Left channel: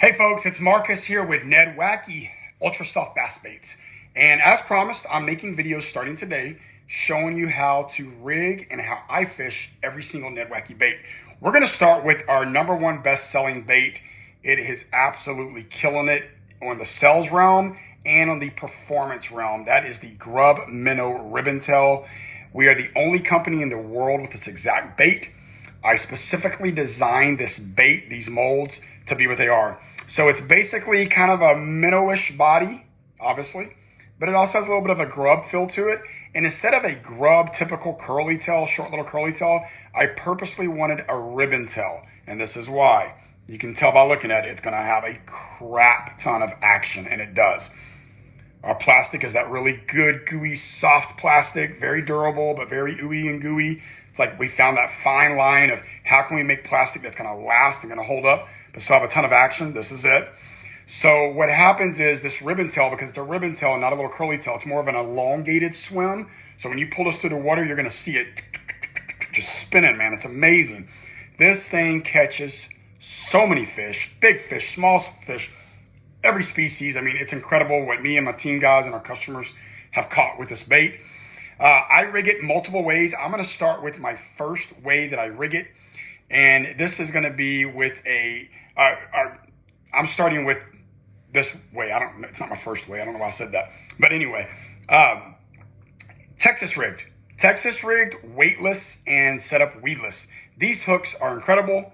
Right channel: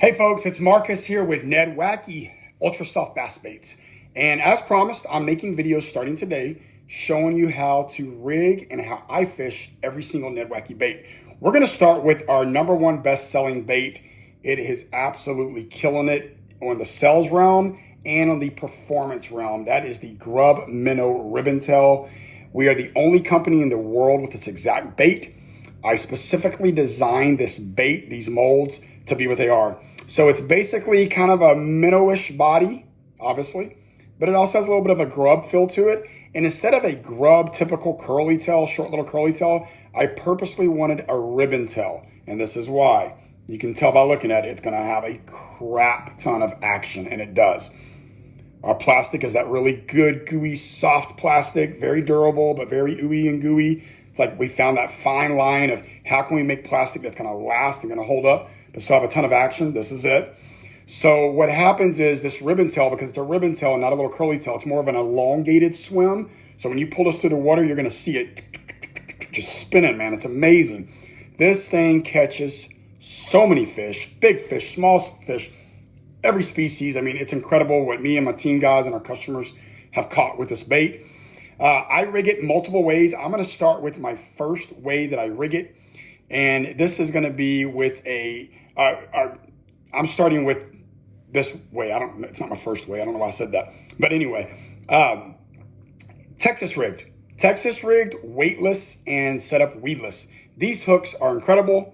Hey folks, it's Marcus here with NedWacky Ultra Soft Bass Baits. And as promised, I'm making videos starting today showing you how to rig and how I fish every single NedWacky bait. We're gonna start with our #1 best-selling bait. It is absolutely killing it on the sales realm and on the performance realm. That is the Grub Minnow Ribbon Tail. We are the only company in the world with this exact bait. I specifically designed this bait, these molds, to be what they are. So it's basically kind of a minnowish body, obviously, but it also has a little bit of a grub feel to it. And instead of a grub typical curly tail, short little curly tail, I purposely wanted a ribbon tail. And this is why. You can tell by looking at it, it's gonna have a crap ton of action, and it does. Our plastic is that really good, gooey, soft plastic, very durable, but very ooey and gooey. It's like we found that fine line of how can we make plastic that's gonna last and gonna hold up, but still have a ton of action. This is it. So what happens is this ribbon tail, because it's a ribbon tail and not a little curly tail, it's more of an elongated swim. So when you pull this through the water, you're gonna see it just spinning, man. It's amazing. This thing catches so many fish, big fish, small fish, every species. I mean, it's incredible what me and my team guys and our customers have caught with this bait. I rig it multiple ways. I'm gonna start with my first way that I rig it. And this is gonna be with I'm starting with this way. It's not my first way. I don't know why I said that. But anyway, Texas rigged, weightless and set up weedless. These hooks are incredible.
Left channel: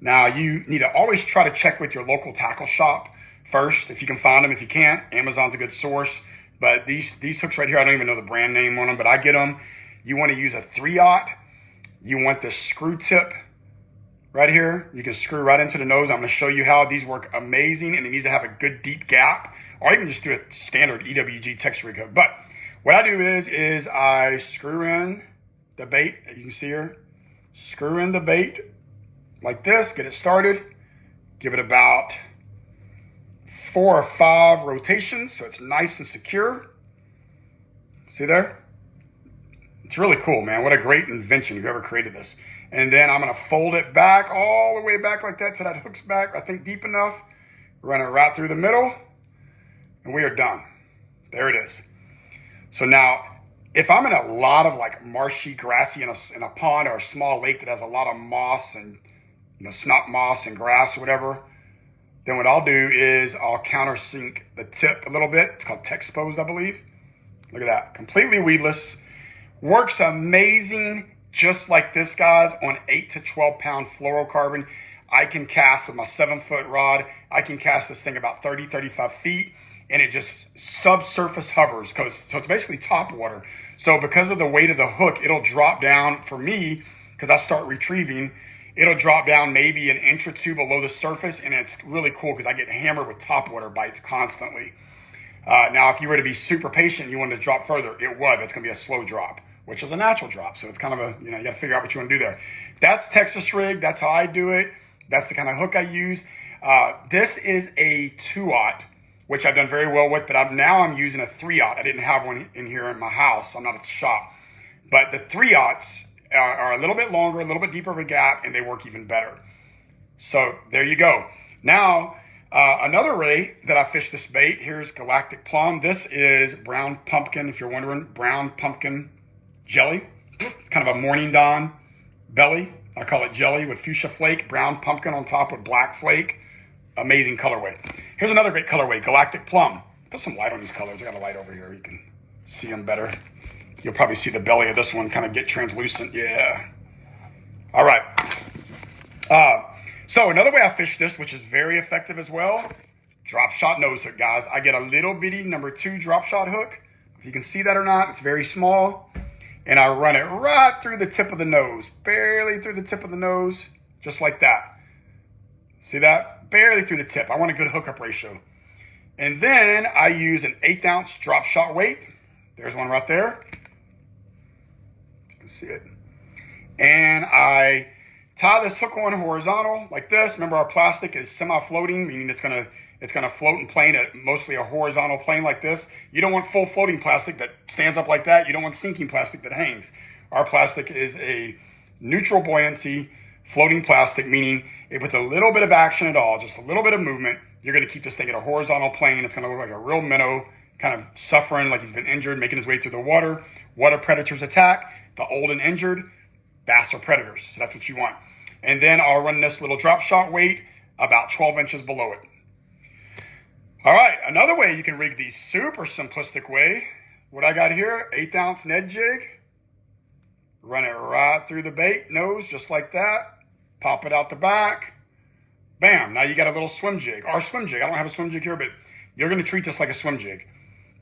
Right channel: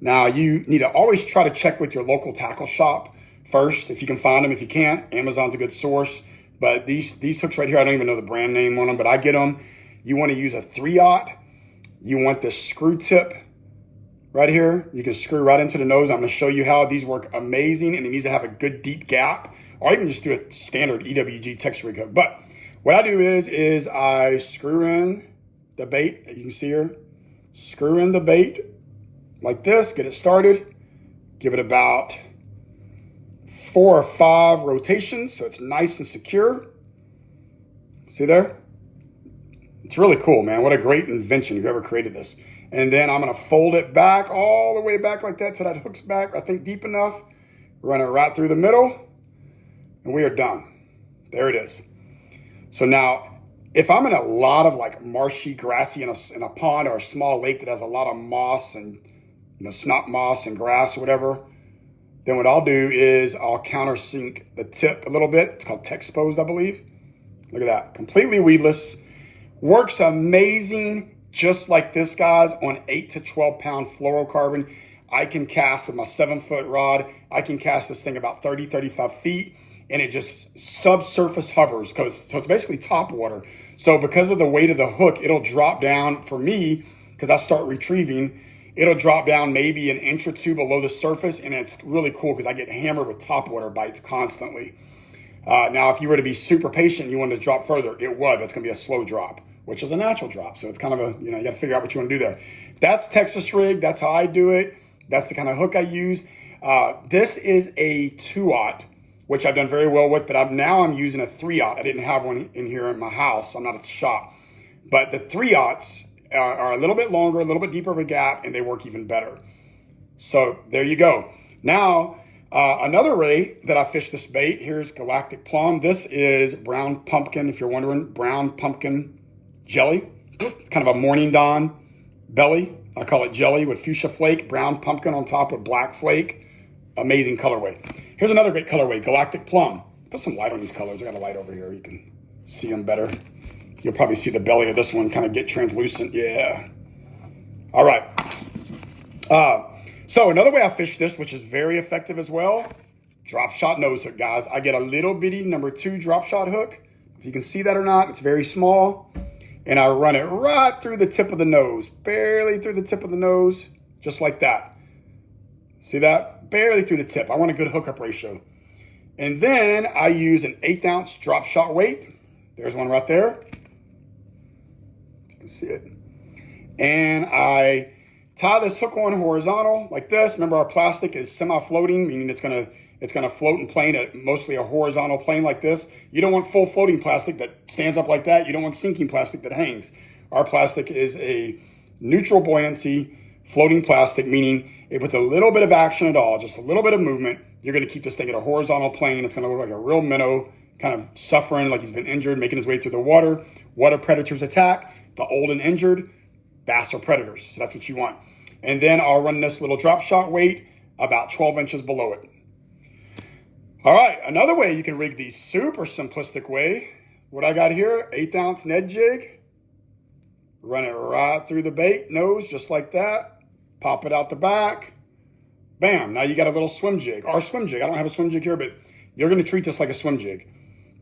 Now you need to always try to check with your local tackle shop first, if you can find them. If you can't, Amazon's a good source. But these hooks right here, I don't even know the brand name on them, but I get them. You want to use a 3/0. You want the screw tip right here. You can screw right into the nose. I'm going to show you how these work amazing, and it needs to have a good deep gap, or you can just do a standard EWG Texas rig hook. But what I do is I screw in the bait. You can see here, screw in the bait like this, get it started, give it about 4 or 5 rotations so it's nice and secure. See there? It's really cool, man. What a great invention, whoever created this. And then I'm gonna fold it back, all the way back like that till that hook's back, I think deep enough. Run it right through the middle, and we are done. There it is. So now, if I'm in a lot of like marshy, grassy in a pond or a small lake that has a lot of moss and snot moss and grass or whatever, then what I'll do is I'll countersink the tip a little bit. It's called Texposed, I believe. Look at that, completely weedless. Works amazing, just like this, guys, on 8 to 12 pound fluorocarbon. I can cast with my 7-foot rod. I can cast this thing about 30, 35 feet, and it just subsurface hovers. So it's basically top water. So because of the weight of the hook, it'll drop down for me, because I start retrieving, it'll drop down maybe an inch or 2 below the surface, and it's really cool because I get hammered with topwater bites constantly. Now, if you were to be super patient, you wanted to drop further, it would. It's going to be a slow drop, which is a natural drop. So it's kind of you got to figure out what you want to do there. That's Texas rig. That's how I do it. That's the kind of hook I use. This is a 2/0, which I've done very well with, but now I'm using a 3/0. I didn't have one in here in my house. I'm not at the shop. But the 3/0s are a little bit longer, a little bit deeper of a gap, and they work even better. So there you go. Now, another way that I fish this bait, here's Galactic Plum. This is brown pumpkin, if you're wondering, brown pumpkin jelly. It's kind of a morning dawn belly. I call it jelly with fuchsia flake, brown pumpkin on top with black flake. Amazing colorway. Here's another great colorway, Galactic Plum. Put some light on these colors. I got a light over here. You can see them better. You'll probably see the belly of this one kind of get translucent. Yeah. All right. So another way I fish this, which is very effective as well, drop shot nose hook, guys. I get a little bitty #2 drop shot hook. If you can see that or not, it's very small. And I run it right through the tip of the nose, barely through the tip of the nose, just like that. See that? Barely through the tip. I want a good hookup ratio. And then I use an 1/8 ounce drop shot weight. There's one right there. See it. And I tie this hook on horizontal like this. Remember, our plastic is semi-floating, meaning it's gonna float and plane at mostly a horizontal plane like this. You don't want full floating plastic that stands up like that. You don't want sinking plastic that hangs. Our plastic is a neutral buoyancy floating plastic, meaning with a little bit of action at all, just a little bit of movement, you're going to keep this thing at a horizontal plane. It's going to look like a real minnow, kind of suffering, like he's been injured, making his way through the water. What do predators attack? The old and injured. Bass are predators, so that's what you want. And then I'll run this little drop shot weight about 12 inches below it. All right, another way you can rig these, super simplistic way. What I got here, 1/8 ounce Ned jig. Run it right through the bait nose, just like that. Pop it out the back. Bam, now you got a little swim jig, or swim jig. I don't have a swim jig here, but you're gonna treat this like a swim jig.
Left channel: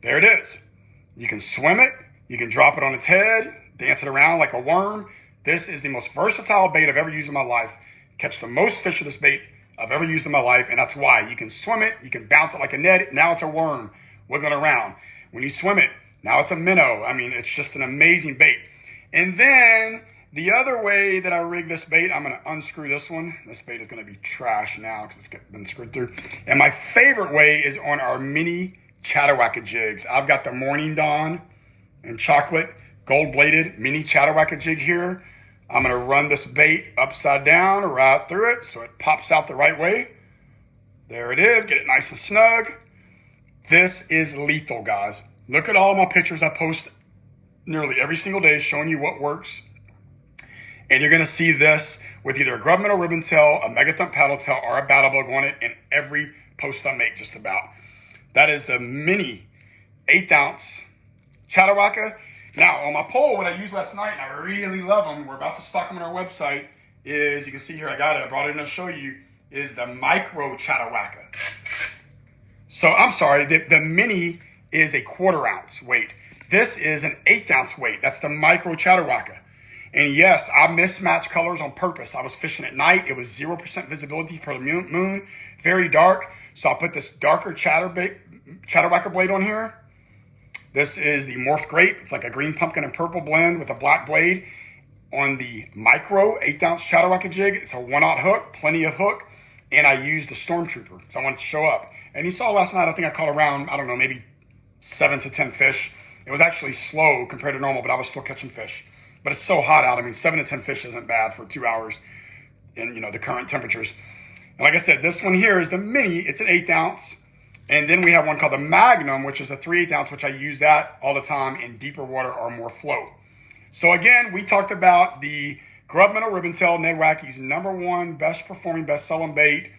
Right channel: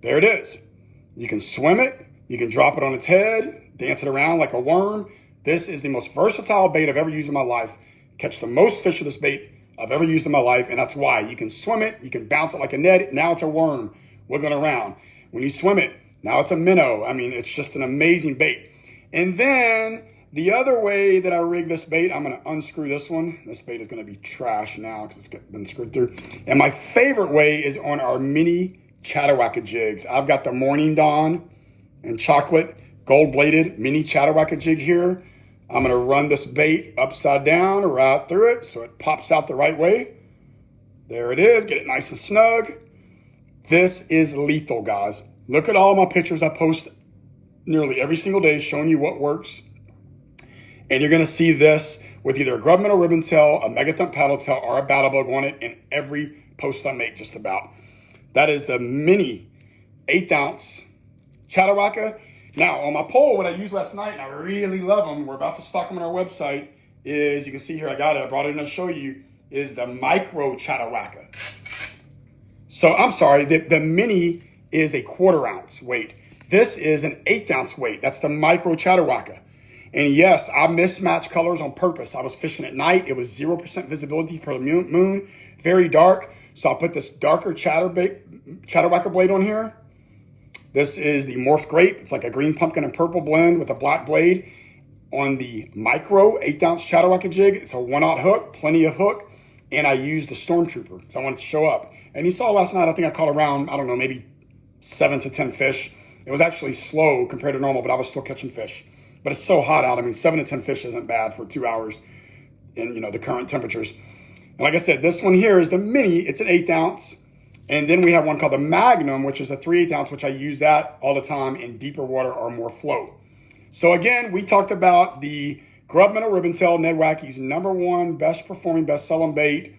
There it is. You can swim it, you can drop it on its head, dance it around like a worm. This is the most versatile bait I've ever used in my life. Catch the most fish with this bait I've ever used in my life, and that's why. You can swim it, you can bounce it like a Ned, now it's a worm wiggling around. When you swim it, now it's a minnow. I mean, it's just an amazing bait. And then the other way that I rig this bait, I'm gonna unscrew this one. This bait is gonna be trash now because it's been screwed through. And my favorite way is on our mini NedWackie jigs. I've got the Morning Dawn and chocolate gold-bladed mini NedWackie jig here. I'm gonna run this bait upside down right through it so it pops out the right way. There it is, get it nice and snug. This is lethal, guys. Look at all my pictures I post nearly every single day showing you what works. And you're gonna see this with either a Grub Minnow Ribbon Tail, a Megathump Paddle Tail, or a Battle Bug on it in every post I make just about. That is the mini 1/8 ounce NedWackie. Now, on my pole, what I used last night, and I really love them, we're about to stock them on our website, is, you can see here, I got it, I brought it in to show you, is the micro NedWackie. So, I'm sorry, the mini is a 1/4 ounce weight. This is an 1/8 ounce weight. That's the micro NedWackie. And yes, I mismatched colors on purpose. I was fishing at night. It was 0% visibility for the moon, very dark. So I put this darker NedWackie blade on here. This is the Morphed Grape. It's like a green pumpkin and purple blend with a black blade on the micro 1/8 ounce NedWackie jig. It's a 1/0 hook, plenty of hook. And I used the Stormtrooper, so I wanted to show up. And you saw last night, I think I caught around, I don't know, maybe 7 to 10 fish. It was actually slow compared to normal, but I was still catching fish. But it's so hot out. I mean, 7 to 10 fish isn't bad for 2 hours in, the current temperatures. And like I said, this one here is the mini. It's an 1/8 ounce. And then we have one called the Magnum, which is a 3/8 ounce, which I use that all the time in deeper water or more flow. So again, we talked about the Grub Minnow Ribbon Tail, NedWackie's #1 best performing, best selling bait.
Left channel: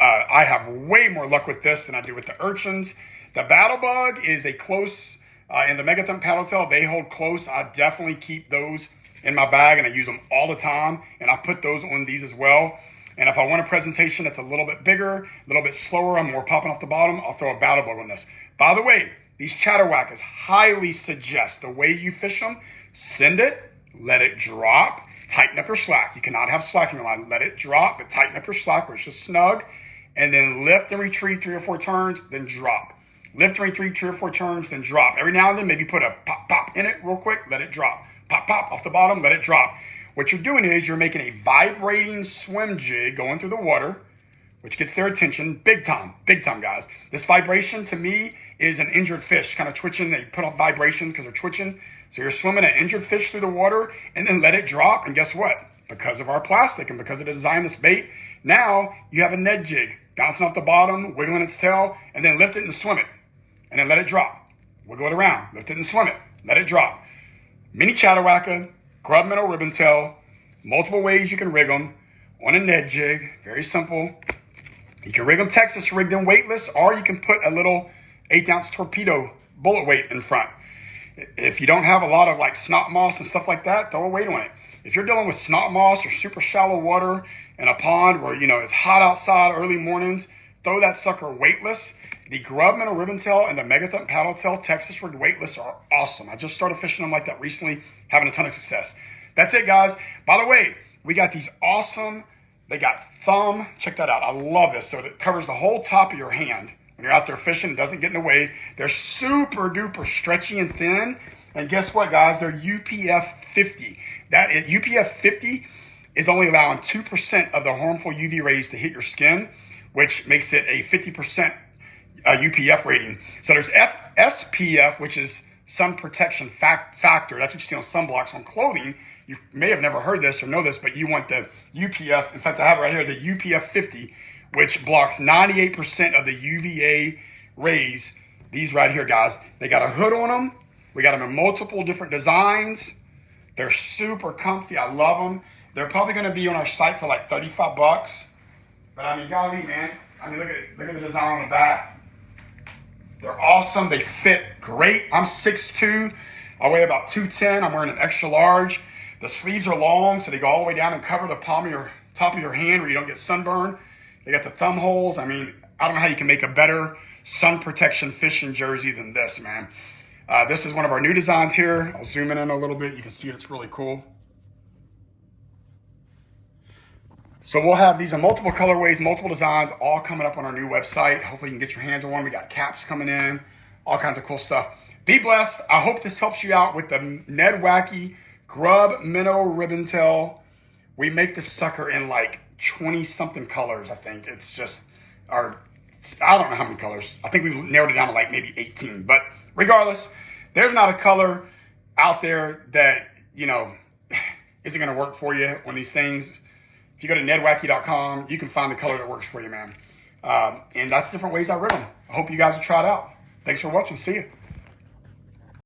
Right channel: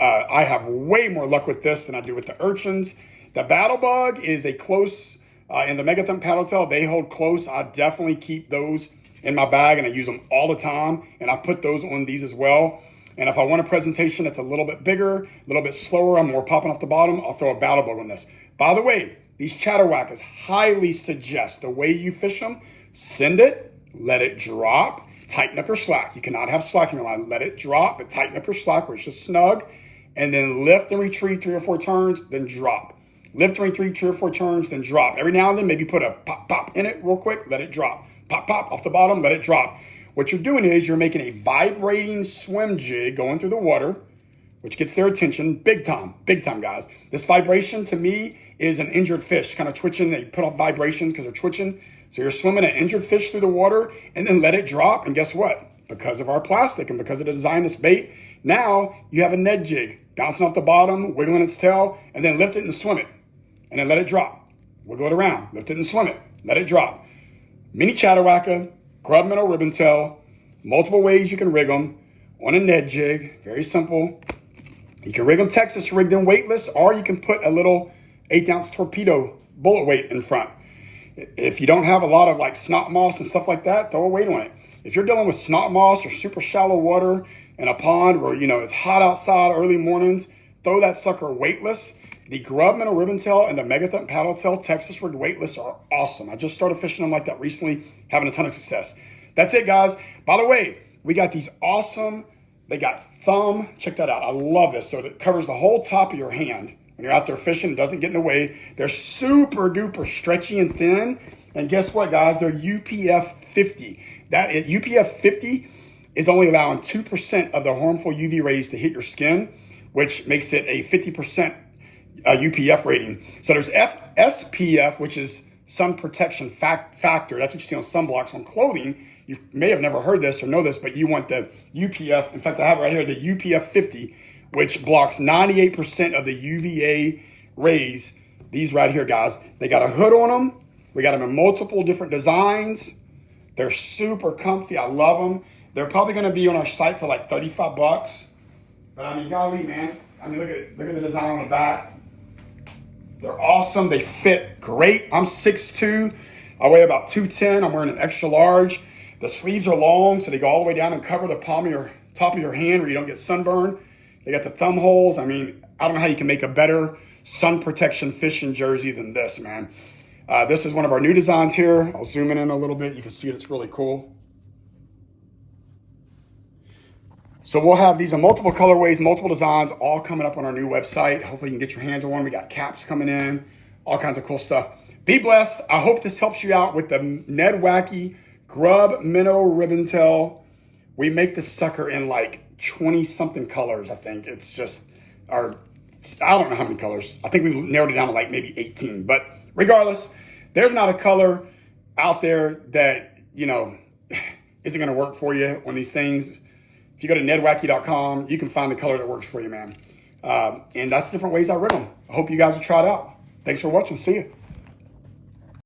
I have way more luck with this than I do with the urchins. The Battle Bug is a close, and the Megathump Paddle Tail, they hold close. I definitely keep those in my bag and I use them all the time. And I put those on these as well. And if I want a presentation that's a little bit bigger, a little bit slower, I'm more popping off the bottom, I'll throw a Battle Bug on this. By the way, these NedWackies highly suggest the way you fish them, send it, let it drop, tighten up your slack. You cannot have slack in your line. Let it drop, but tighten up your slack where it's just snug, and then lift and retrieve 3 or 4 turns, then drop. Lift and retrieve 3 or 4 turns, then drop. Every now and then, maybe put a pop, pop in it real quick, let it drop. Pop, pop off the bottom, let it drop. What you're doing is you're making a vibrating swim jig going through the water, which gets their attention big time, guys. This vibration to me is an injured fish kind of twitching. They put off vibrations because they're twitching. So you're swimming an injured fish through the water and then let it drop. And guess what? Because of our plastic and because of the design of this bait, now you have a Ned jig bouncing off the bottom, wiggling its tail, and then lift it and swim it. And then let it drop. Wiggle it around, lift it and swim it, let it drop. Mini NedWackie, Grub Minnow Ribbon Tail, multiple ways you can rig them on a Ned jig, very simple. You can rig them Texas, rig them weightless, or you can put a little 1/8 ounce torpedo bullet weight in front. If you don't have a lot of like snot moss and stuff like that, throw a weight on it. If you're dealing with snot moss or super shallow water in a pond where, it's hot outside early mornings, throw that sucker weightless. The Grub Minnow Ribbon Tail and the Megathump Paddle Tail Texas rigged weightless are awesome. I just started fishing them like that recently, having a ton of success. That's it, guys. By the way, we got these awesome, they got thumb, check that out. I love this. So it covers the whole top of your hand. When you're out there fishing, it doesn't get in the way. They're super duper stretchy and thin. And guess what, guys? They're UPF 50. That is, UPF 50 is only allowing 2% of the harmful UV rays to hit your skin, which makes it a 50% UPF rating. So there's SPF, which is sun protection factor. That's what you see on sunblocks on clothing. you may have never heard this or know this, but you want the UPF. In fact, I have it right here, the UPF 50, which blocks 98% of the UVA rays. These right here, guys, they got a hood on them. We got them in multiple different designs. They're super comfy. I love them. They're probably going to be on our site for like 35 bucks. But I mean, golly, man. I mean, look at the design on the back. They're awesome. They fit great. I'm 6'2". I weigh about 210. I'm wearing an extra large. The sleeves are long, so they go all the way down and cover the palm of your top of your hand where you don't get sunburn. They got the thumb holes. I mean, I don't know how you can make a better sun protection fishing jersey than this, man. This is one of our new designs here. I'll zoom in a little bit. You can see it. It's really cool. So we'll have these in multiple colorways, multiple designs, all coming up on our new website. Hopefully you can get your hands on one. We got caps coming in, all kinds of cool stuff. Be blessed. I hope this helps you out with the NedWacky Grub Minnow Ribbon Tail. We make this sucker in like 20-something colors, I think. It's just I don't know how many colors. I think we narrowed it down to like maybe 18. But regardless, there's not a color out there that, you know, isn't going to work for you on these things. If you go to NedWacky.com, you can find the color that works for you, man. And that's different ways I rib them. I hope you guys will try it out. Thanks for watching. See you.